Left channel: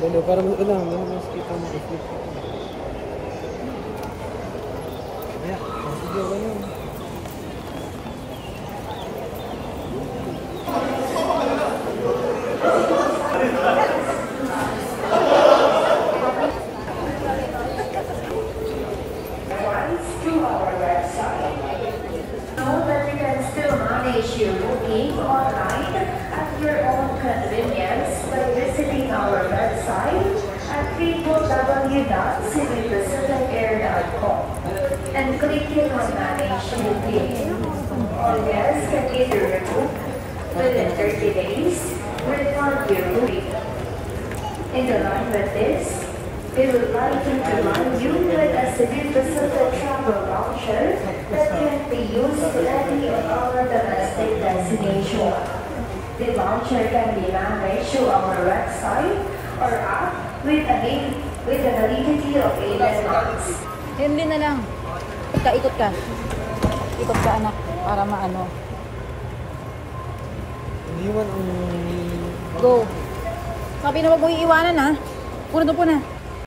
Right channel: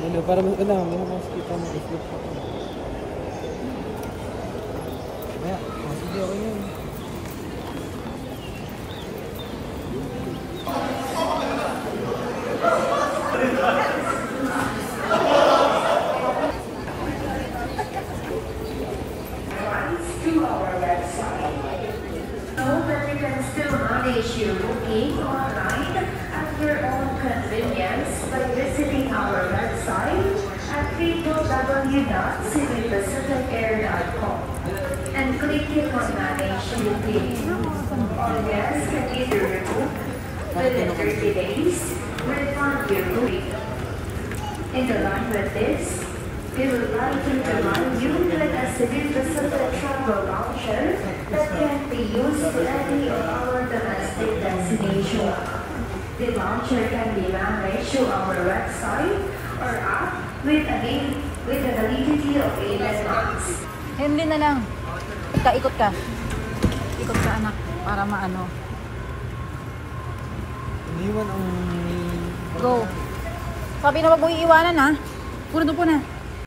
Lalo, pero mas kita mo i-flip ko. Kaya, sige ako yun. Your booking online at your own convenience by visiting our website at www.citypacificair.com and clicking on Manage Booking. All guests can either rebook within 30 days, refund your booking. In line with this, we would like to provide you with a City Pacific travel voucher that can be used to any of our domestic destinations. The voucher can be managed through our website or app with a validity of 11 months. Yun din na lang. Ikot ka. Ikot ka anak para maano. Hindi man ang... Go. Sabi na wag mo iiwanan ha. Puro na po na.